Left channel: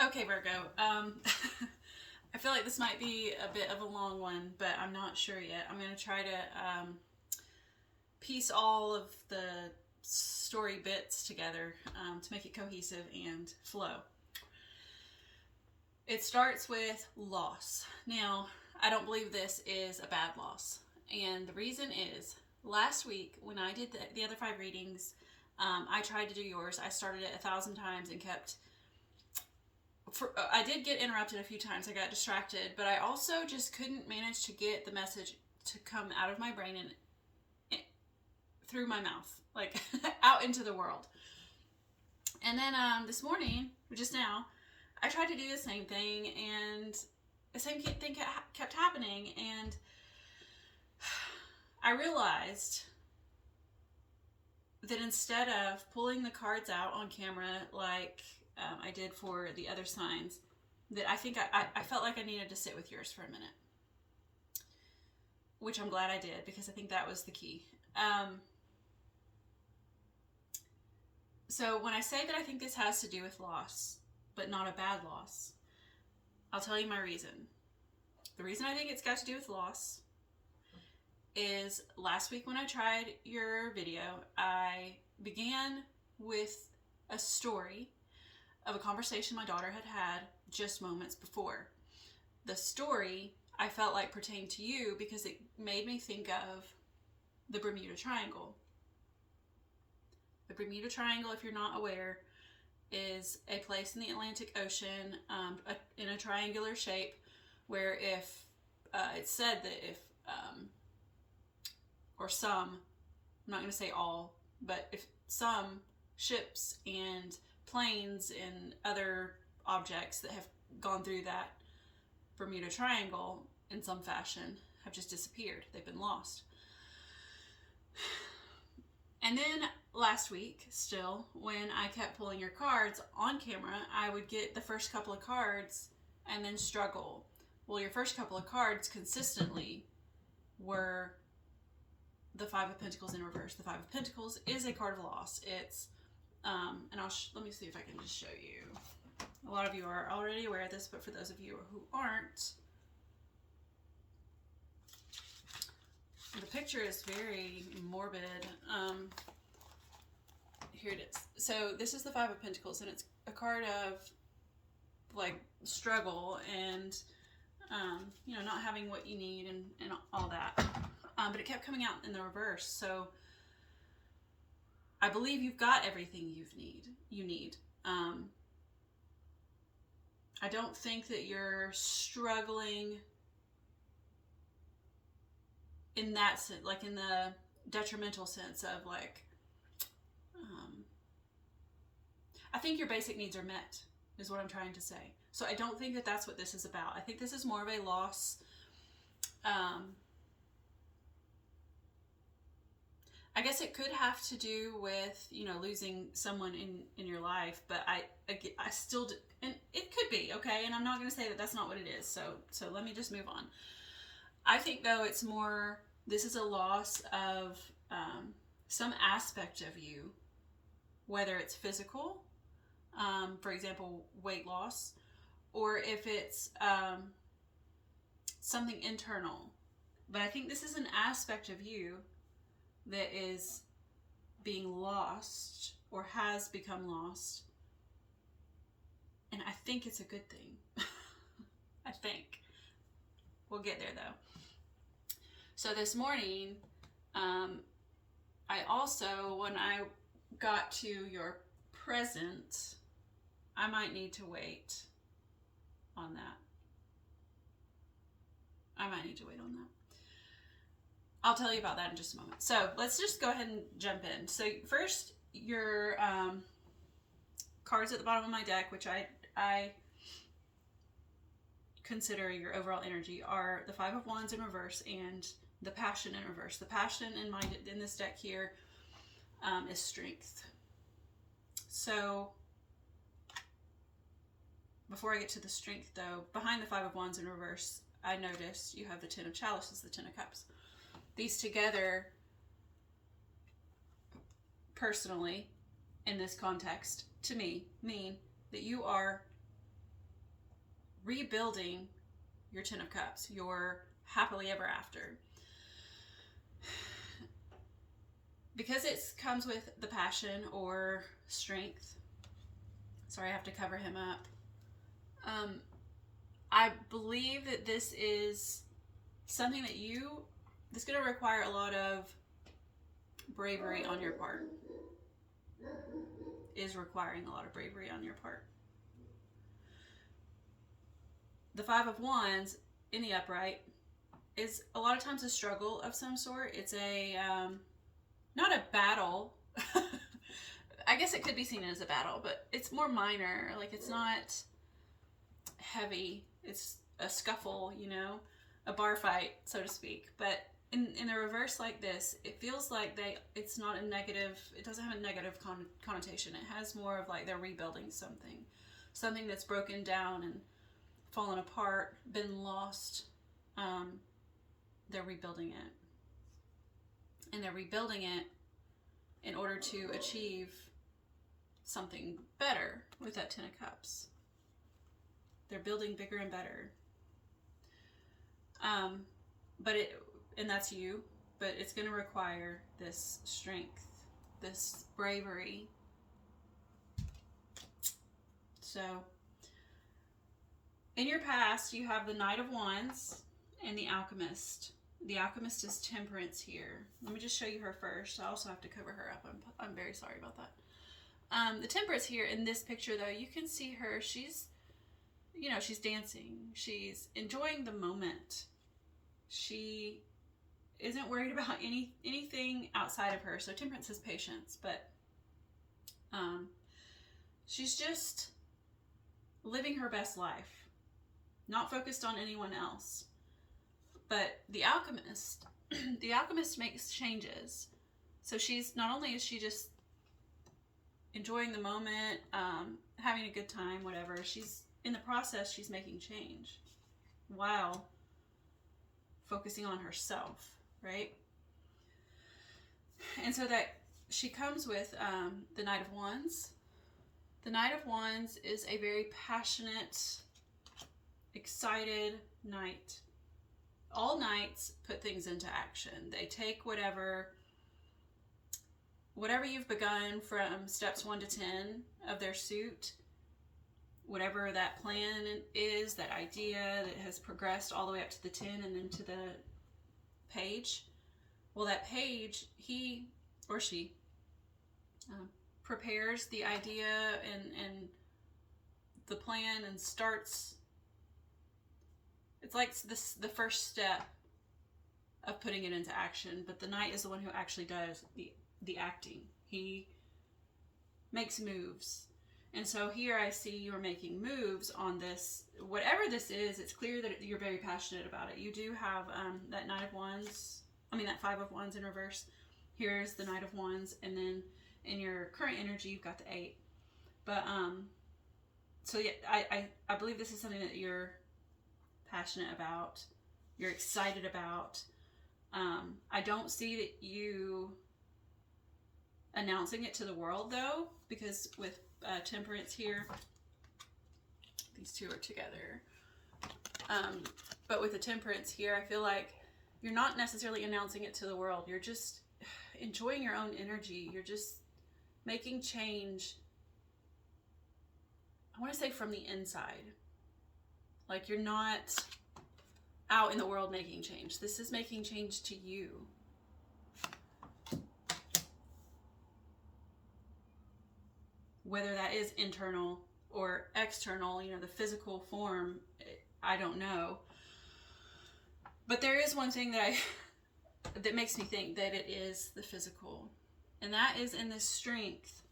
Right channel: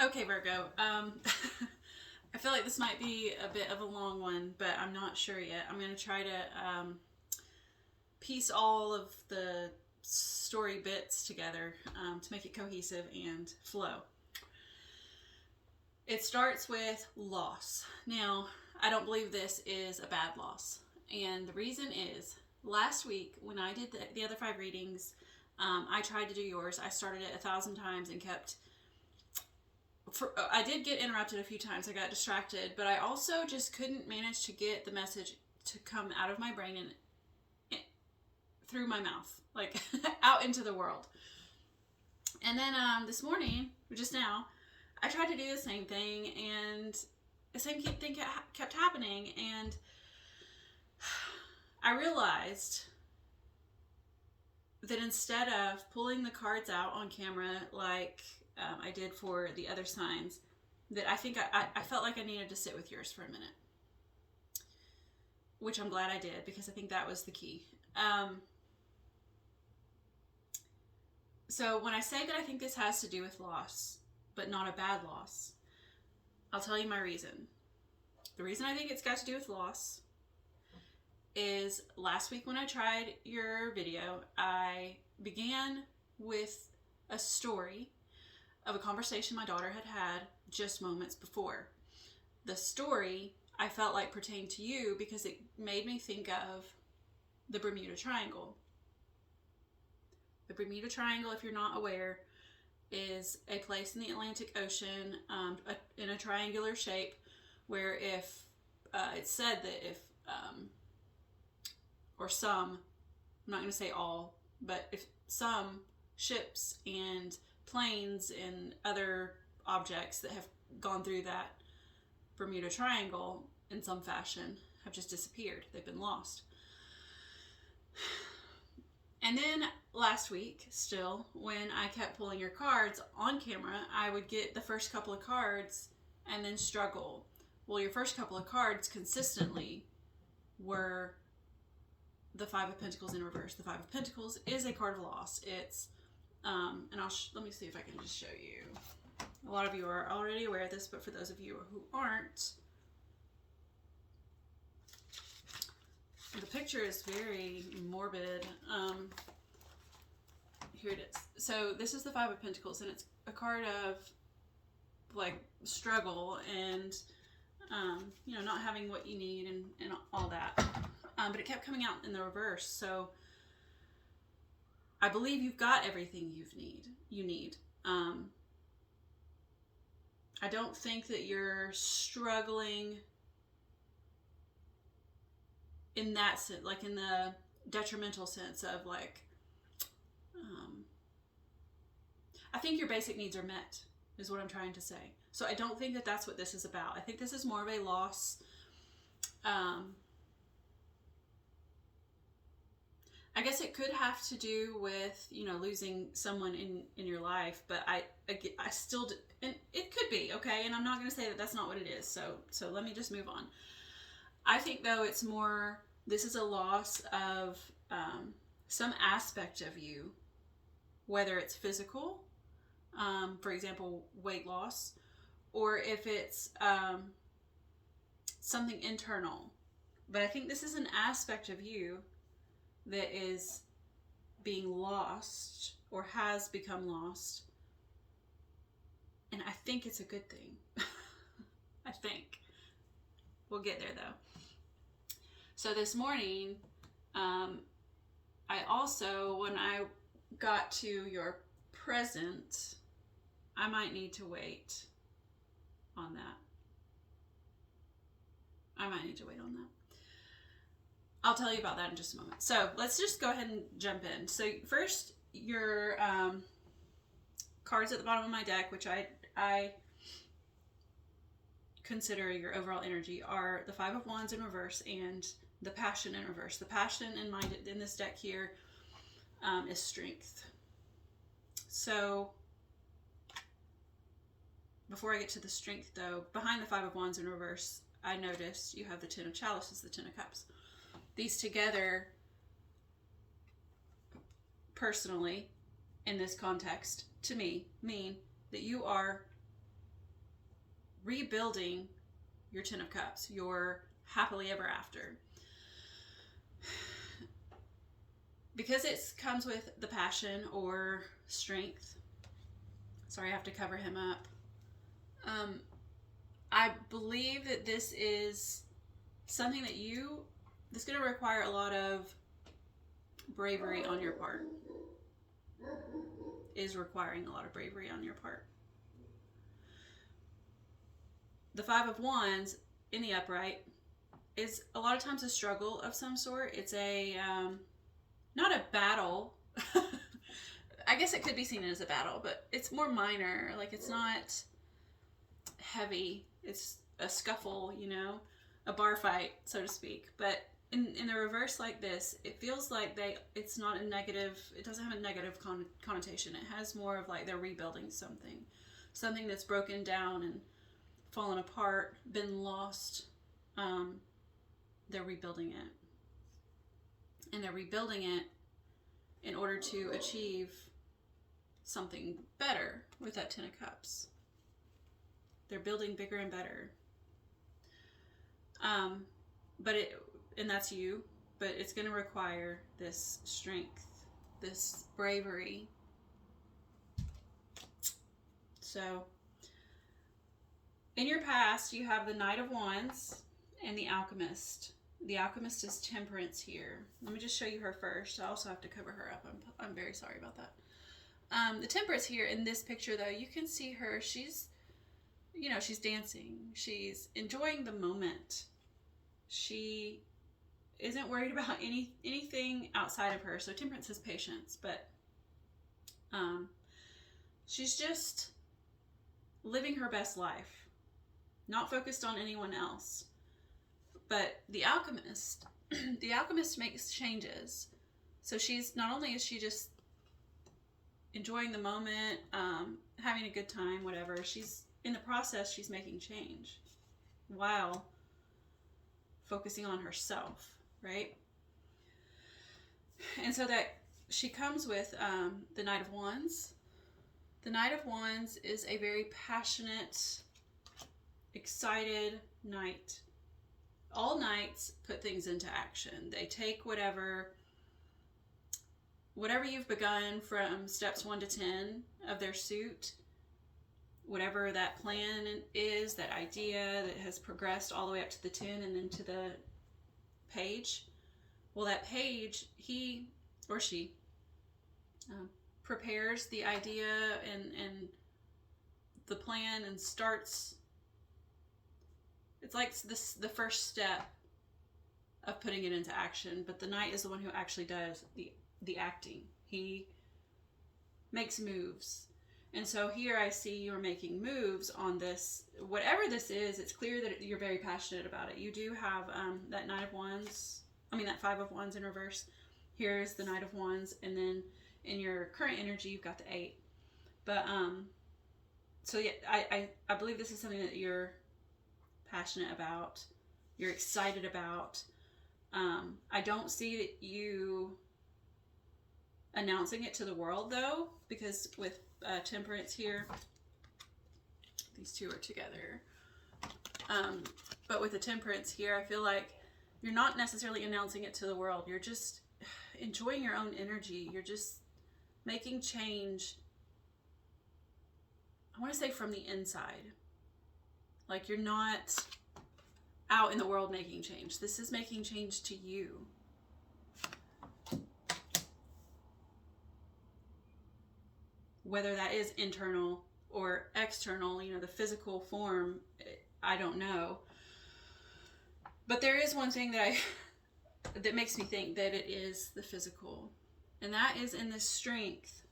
Okay, Virgo. I feel like this might be a bit of a long one, but I'm not sure yet. I'm going to try to piece all of the story bits together to make it cohesive and flow. It starts with loss. Now, I don't believe this is a bad loss. And the reason is last week when I did the other 5 readings, I tried to do yours. I started it 1,000 times and kept. I did get interrupted a few times. I got distracted, but I also just couldn't manage to get the message to come out of my brain and through my mouth, like out into the world. And then this morning, just now, I tried to do the same thing, and the same thing kept happening. And I realized that instead of pulling the cards out on camera like I did for the other signs, that I think I felt like I needed to sit with yours for a minute, which I'm glad I did, because I think that was the key. So when I say that I think this has to do with loss, but not a bad loss, I'll tell you my reason. The reason I think it's got to do with loss is last week when I tried your video, I began with a story of a conversation my daughter had had just moments before. The story I felt like pertained to you because it made me think of the Bermuda Triangle. The Bermuda Triangle, if you're not aware, is a place in the Atlantic Ocean in a triangular shape where if it's said that if or some, I'm not going to say all, but if some ships and planes and other objects that have gone through that Bermuda Triangle in some fashion have just disappeared. They've been lost. And then last week, still, when I kept pulling your cards on camera, I would get the first couple of cards and then struggle. Well, your first couple of cards consistently were the Five of Pentacles in reverse. The Five of Pentacles is a card of loss. It's, and let me see if I can just show you. A lot of you are already aware of this, but for those of you who aren't, the picture is very morbid. Here it is. So this is the Five of Pentacles, and it's a card of like struggle and not having what you need and all that. But it kept coming out in the reverse. So I believe you've got everything you need. I don't think that you're struggling in that sense, like in the detrimental sense of like, I think your basic needs are met, is what I'm trying to say. So I don't think that that's what this is about. I think this is more of a loss. I guess it could have to do with, losing someone in your life, but I still, and it could be, okay? And I'm not going to say that that's not what it is. So let me just move on. I think though it's more, this is a loss of some aspect of you, whether it's physical, for example, weight loss, or if it's something internal. But I think this is an aspect of you that is being lost or has become lost. And I think it's a good thing. I think. We'll get there though. So this morning, I also, when I got to your present, I might need to wait on that. I might need to wait on that. I'll tell you about that in just a moment. So let's just go ahead and jump in. So first, your cards at the bottom of my deck, which I consider your overall energy, are the Five of Wands in reverse and the Passion in reverse. The Passion in this deck here is strength. So before I get to the strength though, behind the Five of Wands in reverse, I noticed you have the Ten of Chalices, the Ten of Cups. These together, personally, in this context, to me, mean that you are rebuilding your Ten of Cups, your happily ever after. Because it comes with the passion or strength. Sorry, I have to cover him up. I believe that this is something that this is going to require a lot of bravery on your part. Is requiring a lot of bravery on your part. The Five of Wands in the upright is a lot of times a struggle of some sort. It's a, not a battle. I guess it could be seen as a battle, but it's more minor. Like, it's not heavy. It's a scuffle, you know, a bar fight, so to speak. But in a reverse like this, it feels like it's not a negative, it doesn't have a negative connotation. It has more of like they're rebuilding something that's broken down and fallen apart, been lost. They're rebuilding it. And they're rebuilding it in order to achieve something better with that Ten of Cups. They're building bigger and better. And that's you, but it's going to require this strength, this bravery. So, in your past, you have the Knight of Wands and the Alchemist. The Alchemist is Temperance here. Let me just show you her first. I also have to cover her up. I'm very sorry about that. The Temperance here in this picture, though, you can see her. She's dancing. She's enjoying the moment. She isn't worried about anything outside of her. So Temperance is patience, but she's just living her best life, not focused on anyone else. But the Alchemist, the Alchemist makes changes. So she's, not only is she just enjoying the moment, having a good time, whatever, she's, in the process, she's making change while focusing on herself, right? And so that she comes with the Knight of Wands. The Knight of Wands is a very passionate, excited knight. All knights put things into action. They take whatever you've begun from steps 1 to 10 of their suit, whatever that plan is, that idea that has progressed all the way up to the 10 and then to the page. Well, that page, he or she prepares the idea and the plan and starts. It's like the first step of putting it into action, but the knight is the one who actually does the acting. He makes moves. And so here I see you're making moves on this. Whatever this is, it's clear that you're very passionate about it. You do have that Knight of Wands, that Five of Wands in reverse. Here's the Knight of Wands, and then in your current energy, you've got the 8. But, so yeah, I believe this is something that you're passionate about, you're excited about. I don't see that you announcing it to the world, though, because with Temperance here, these two are together. But with the Temperance here, I feel like you're not necessarily announcing it to the world. You're just enjoying your own energy. You're just making change, I want to say, from the inside. Like, you're not out in the world making change. This is making change to you. Whether that is internal or external, the physical form, I don't know. But there is one thing that makes me think that it is the physical. And that is in the strength,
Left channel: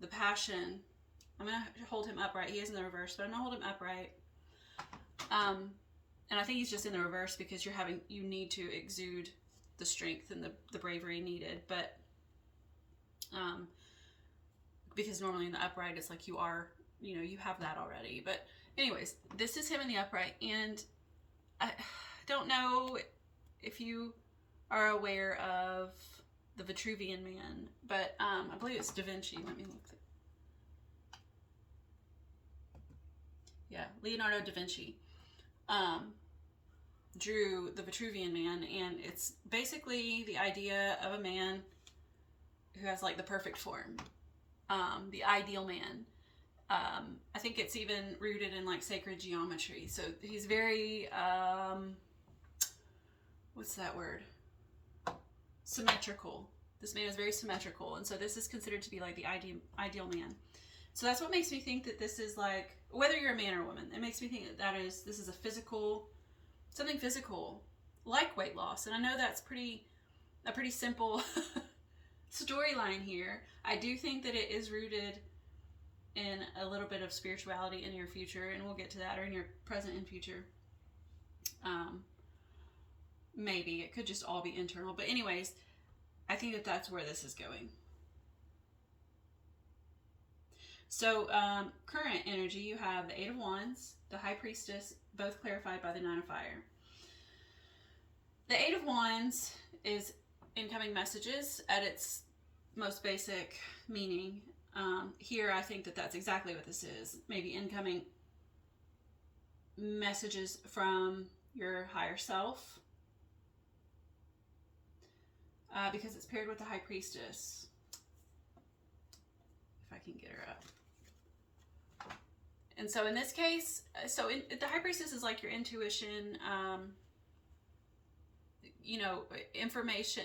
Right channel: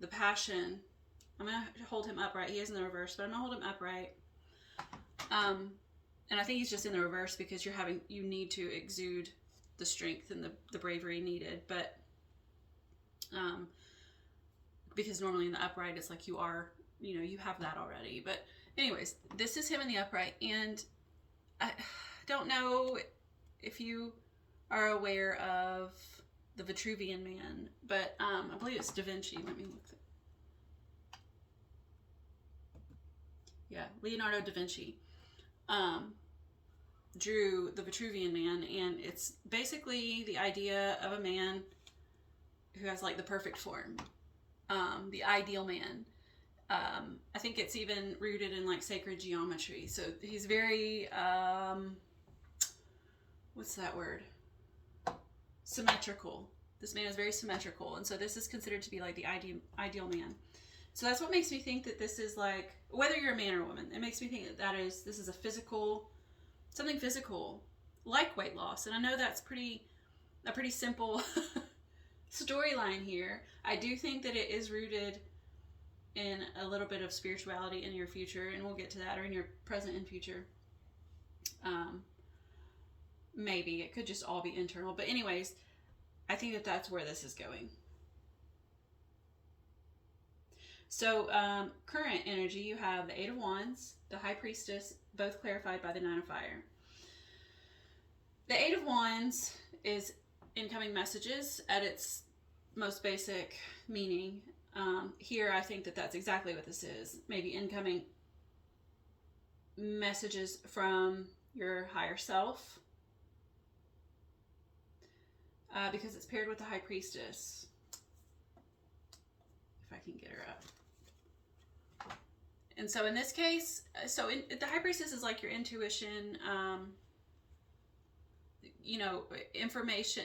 the passion. I'm going to hold him upright. He is in the reverse, but I'm going to hold him upright. And I think he's just in the reverse because you need to exude the strength and the bravery needed. But, because normally in the upright, it's like you have that already. But anyways, this is him in the upright. And I don't know if you are aware of the Vitruvian Man, but I believe it's Da Vinci. Let me look. Yeah, Leonardo da Vinci. drew the Vitruvian Man, and it's basically the idea of a man who has like the perfect form, the ideal man. I think it's even rooted in like sacred geometry. So he's very, what's that word? Symmetrical. This man is very symmetrical, and so this is considered to be like the ideal man. So that's what makes me think that this is like, whether you're a man or a woman, it makes me think that this is a physical, something physical, like weight loss. And I know that's a pretty simple storyline here. I do think that it is rooted in a little bit of spirituality in your future, and we'll get to that, or in your present and future. Maybe it could just all be internal, but anyways, I think that that's where this is going. So current energy, you have the Eight of Wands, the High Priestess, both clarified by the Nine of Fire. The Eight of Wands is incoming messages at its most basic meaning. Here, I think that that's exactly what this is. Maybe incoming messages from your higher self, because it's paired with the High Priestess. If I can get her up. And so in this case, the High Priestess is like your intuition, information,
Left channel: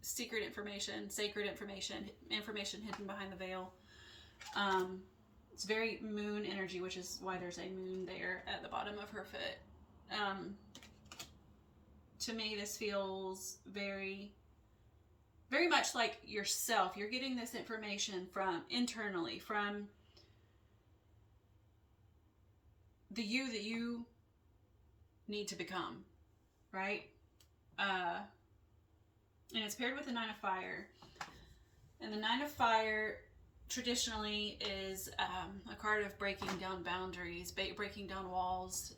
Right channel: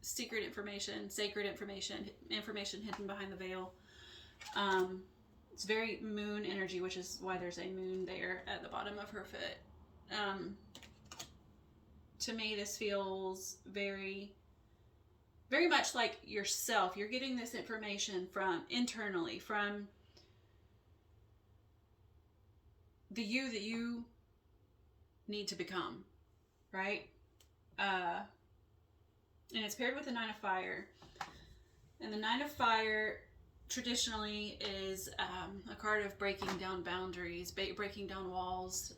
secret information, sacred information, information hidden behind the veil. It's very moon energy, which is why there's a moon there at the bottom of her foot. To me, this feels very, very much like yourself. You're getting this information from internally, from the you that you need to become, right? And it's paired with the Nine of Fire. And the Nine of Fire traditionally is a card of breaking down boundaries, breaking down walls,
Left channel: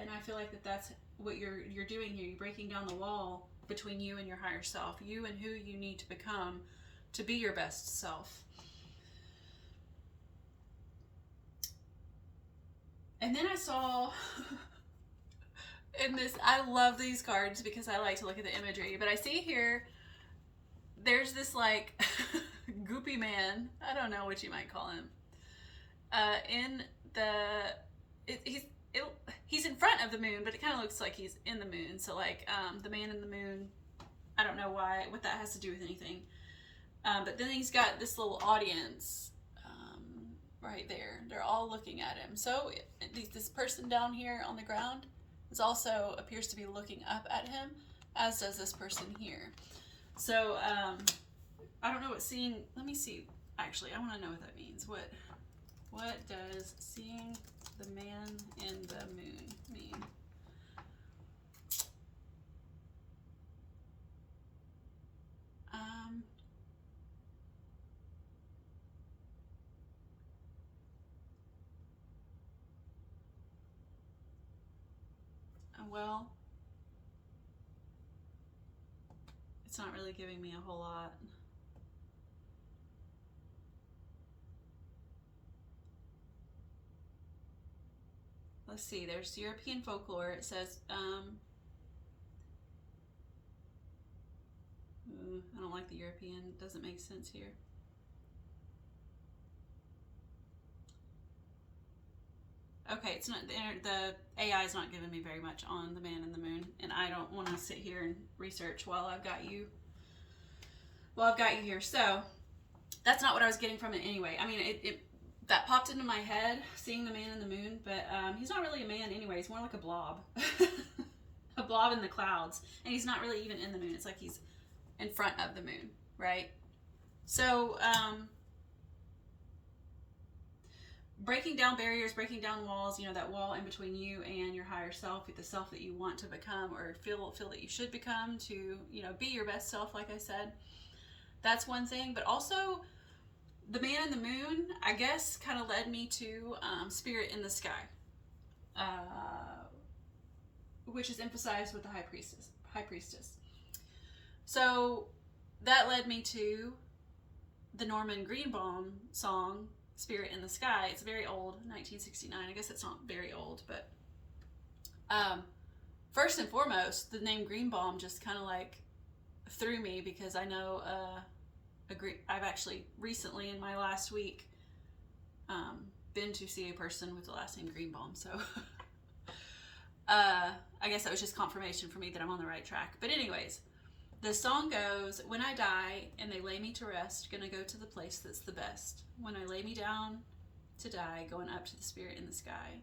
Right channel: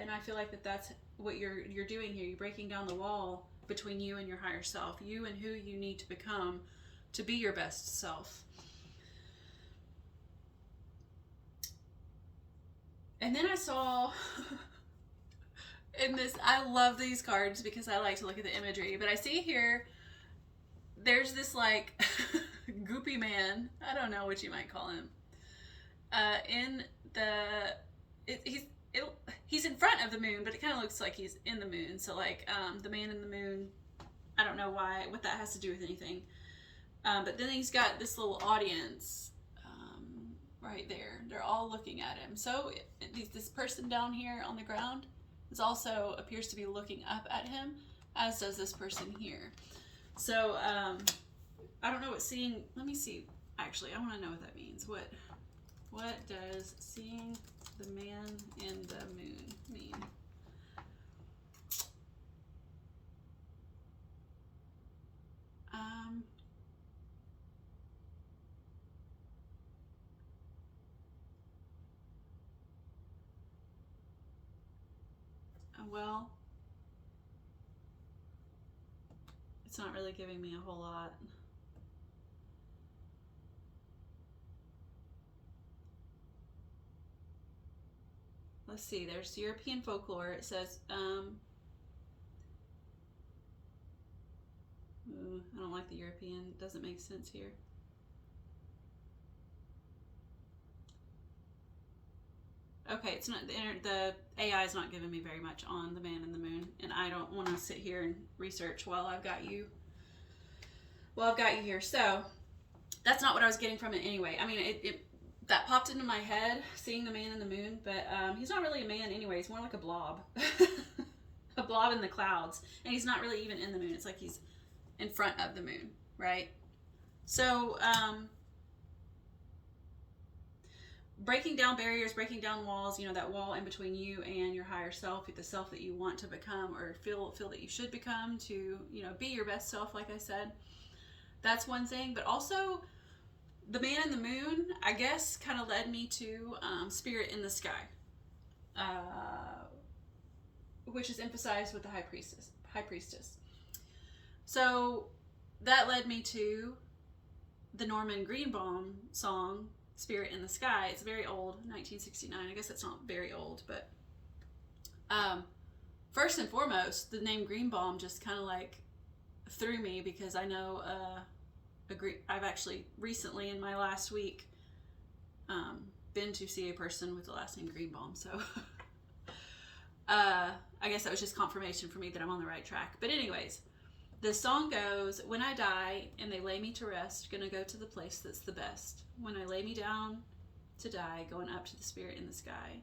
and I feel like that's what you're doing here. You're breaking down the wall between you and your higher self, you and who you need to become to be your best self. And then I saw in this, I love these cards because I like to look at the imagery, but I see here there's this like goopy man, I don't know what you might call him, he's in front of the moon, but it kind of looks like he's in the moon. So like the man in the moon, I don't know what that has to do with anything, but then he's got this little audience right there. They're all looking at him. So this person down here on the ground is also appears to be looking up at him, as does this person here. So I don't know what seeing, let me see, actually I want to know what that means. What does seeing the man in the moon mean? Well, it's not really giving me a whole lot. Let's see, there's European folklore. It says, I don't like the European, it doesn't make sense here. Okay, it's not, the AI is not giving me very much on the man in the moon, and I don't want to sit here and research while I've got you here. So that's not what I was getting from it anyway. I mean, that popped into my head, seeing the man in the moon, but he's not really a man anyway. He's more like a blob. A blob in the clouds. And he's not really even in the moon. It's like he's in front of the moon, right? So, breaking down barriers, breaking down walls, that wall in between you and your higher self, the self that you want to become or feel that you should become to, be your best self, like I said. That's one thing, but also the man in the moon, I guess, kind of led me to spirit in the sky, which is emphasized with the high priestess. So that led me to the Norman Greenbaum song, Spirit in the Sky. It's very old, 1969. I guess it's not very old, but First and foremost, the name Green Balm just kind of like threw me because I know I've actually recently in my last week been to see a person with the last name Greenbaum, so I guess that was just confirmation for me that I'm on the right track. But anyways, the song goes, when I die and they lay me to rest, gonna go to the place that's the best. When I lay me down to die, going up to the spirit in the sky.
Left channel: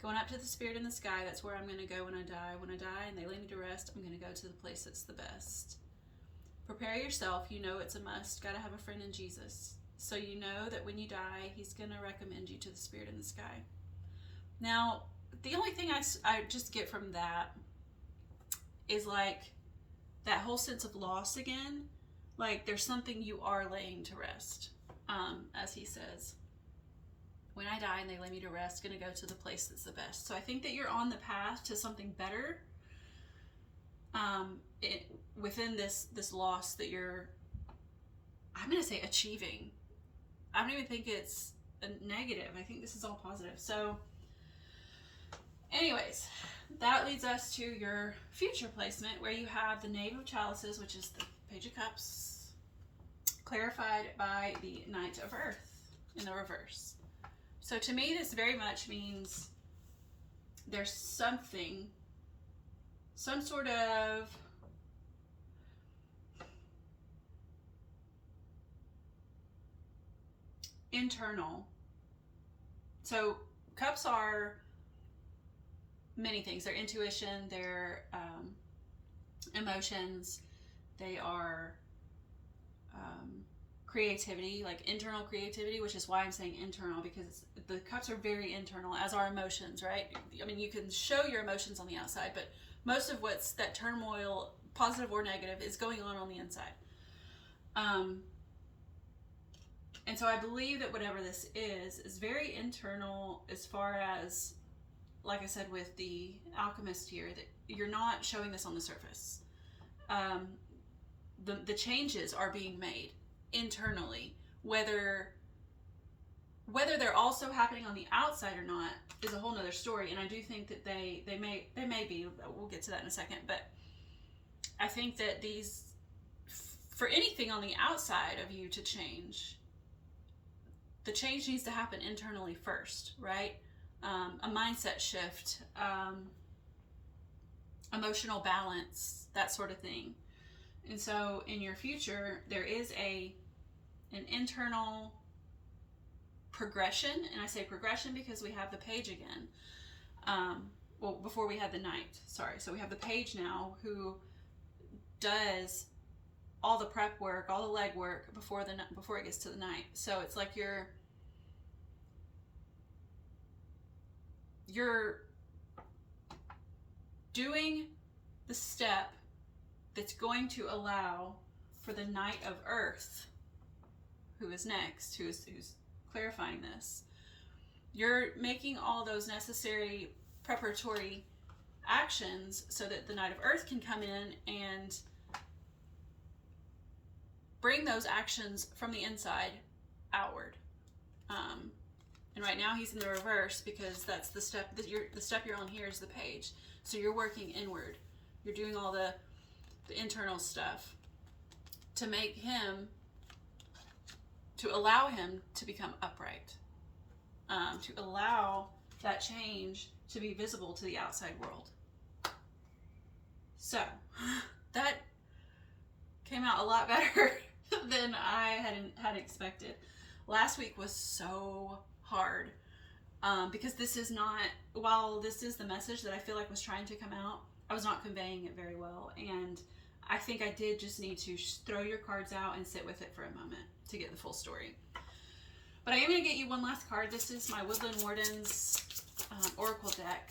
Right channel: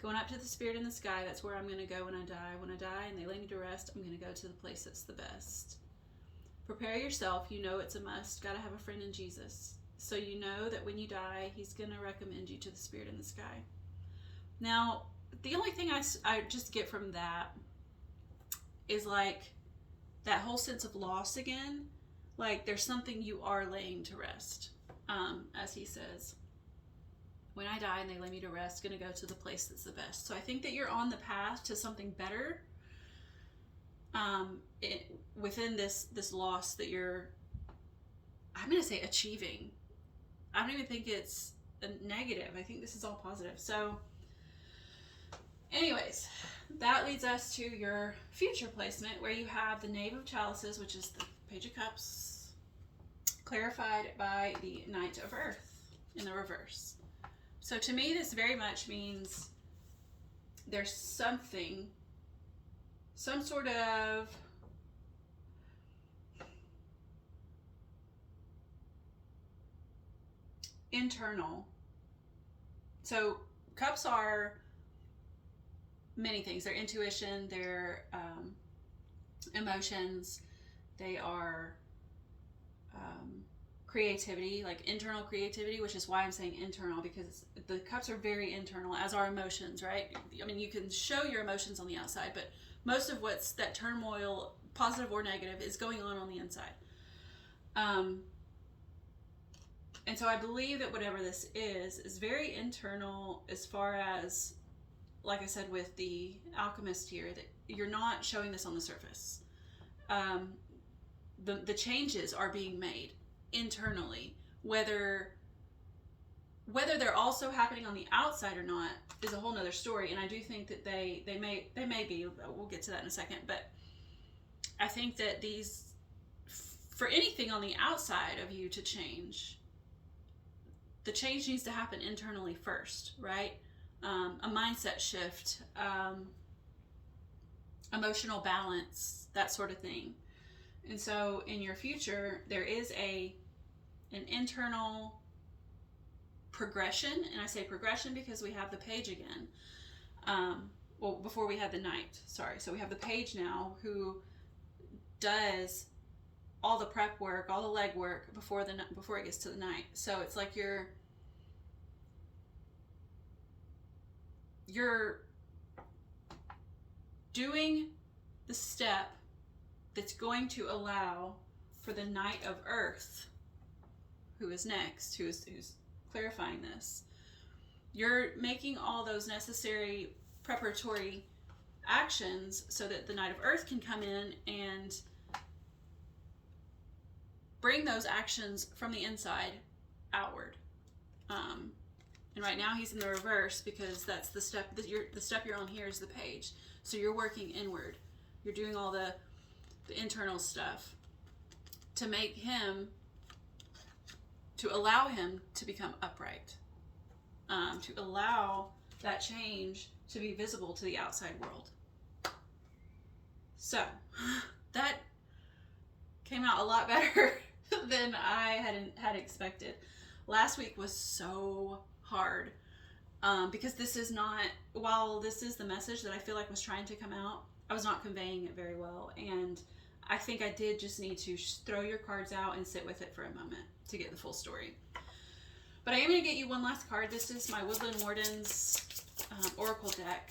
Going up to the spirit in the sky, that's where I'm gonna go when I die. When I die and they lay me to rest, I'm gonna go to the place that's the best. Prepare yourself, you know it's a must. Gotta have a friend in Jesus. So you know that when you die, he's going to recommend you to the spirit in the sky. Now, the only thing I just get from that is like that whole sense of loss again. Like there's something you are laying to rest, as he says. When I die and they lay me to rest, going to go to the place that's the best. So I think that you're on the path to something better within this loss that you're, I'm going to say, achieving. I don't even think it's a negative. I think this is all positive. So anyways, that leads us to your future placement where you have the Knave of Chalices, which is the Page of Cups, clarified by the Knight of Earth in the reverse. So to me, this very much means there's something, some sort of internal. So cups are many things. They're intuition, they're emotions, they are creativity, like internal creativity, which is why I'm saying internal, because the cups are very internal, as are emotions, right? I mean, you can show your emotions on the outside, but most of what's that turmoil, positive or negative, is going on the inside. And so I believe that whatever this is very internal, as far as, like I said with the alchemist here, that you're not showing this on the surface. The changes are being made internally. Whether they're also happening on the outside or not is a whole nother story. And I do think that they may be, we'll get to that in a second, but I think that these, for anything on the outside of you to change, the change needs to happen internally first, right? A mindset shift, emotional balance, that sort of thing. And so in your future, there is an internal progression, and I say progression because we have the Page again. Well, before we had the Knight, sorry. So we have the Page now who does all the prep work, all the leg work before it gets to the Knight. So it's like you're doing the step that's going to allow for the Knight of Earth, who is next, who's clarifying this. You're making all those necessary preparatory actions so that the Knight of Earth can come in and bring those actions from the inside outward. And right now he's in the reverse because that's the step that you're on here is the Page. So you're working inward. You're doing all the internal stuff to make him, to allow him to become upright, to allow that change to be visible to the outside world. So that came out a lot better than I had expected. Last week was so hard because this is not, while this is the message that I feel like was trying to come out, I was not conveying it very well. And I think I did just need to throw your cards out and sit with it for a moment to get the full story. But I am going to get you one last card. This is my Woodland Wardens Oracle deck.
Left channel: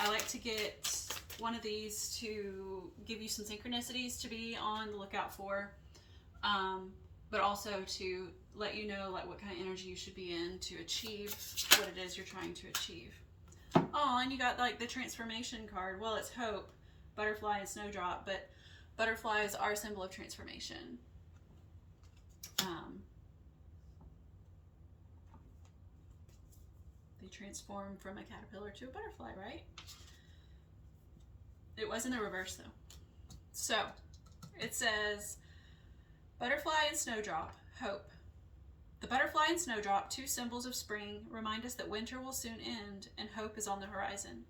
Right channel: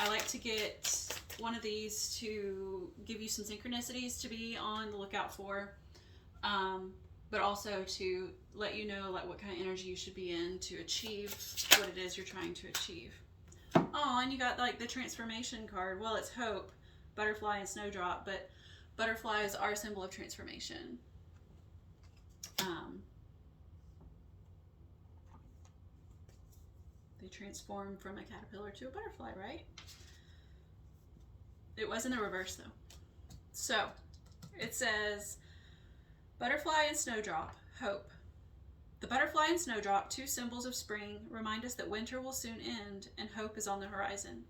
I like to get one of these to give you some synchronicities to be on the lookout for, but also to let you know like what kind of energy you should be in to achieve what it is you're trying to achieve. Oh, and you got like the transformation card. Well, it's hope, butterfly, and snowdrop, but butterflies are a symbol of transformation. They transform from a caterpillar to a butterfly, right? It was in the reverse though. So it says butterfly and snowdrop, hope. The butterfly and snowdrop, two symbols of spring, remind us that winter will soon end and hope is on the horizon.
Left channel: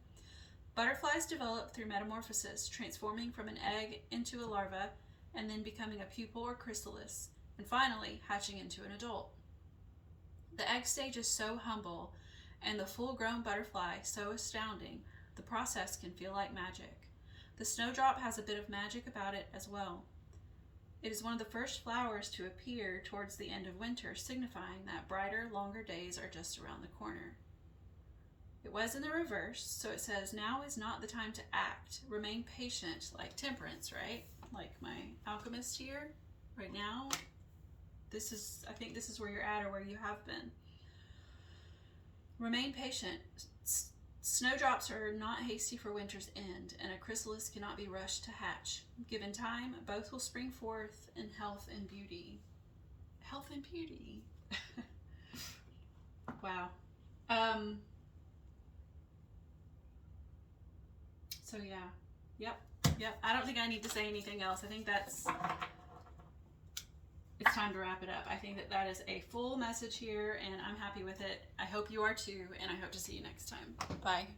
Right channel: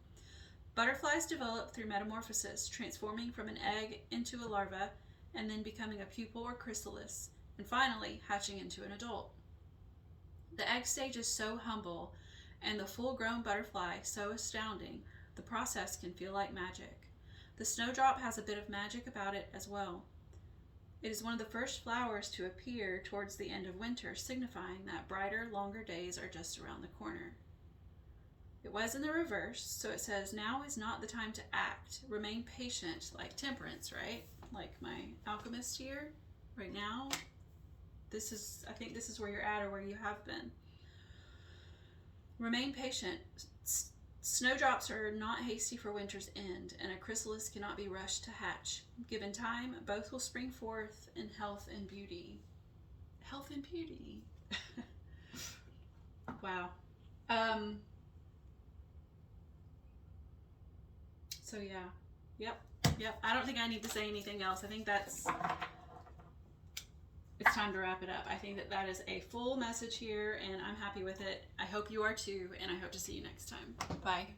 Butterflies develop through metamorphosis, transforming from an egg into a larva and then becoming a pupal or chrysalis, and finally hatching into an adult. The egg stage is so humble and the full-grown butterfly so astounding, the process can feel like magic. The snowdrop has a bit of magic about it as well. It is one of the first flowers to appear towards the end of winter, signifying that brighter, longer days are just around the corner. It was in the reverse, so it says, now is not the time to act. Remain patient, like temperance, right? Like my alchemist here, right now. I think this is where you're at or where you have been. Remain patient. Snowdrops are not hasty for winter's end, and a chrysalis cannot be rushed to hatch. Given time, both will spring forth in health and beauty. Health and beauty. Wow. So yeah. Yep. I don't think I need to say anything else. I think it's time to wrap it up. I think that is a full message here, and I'm happy with it. I hope you are too, and I hope to see you next time. Bye.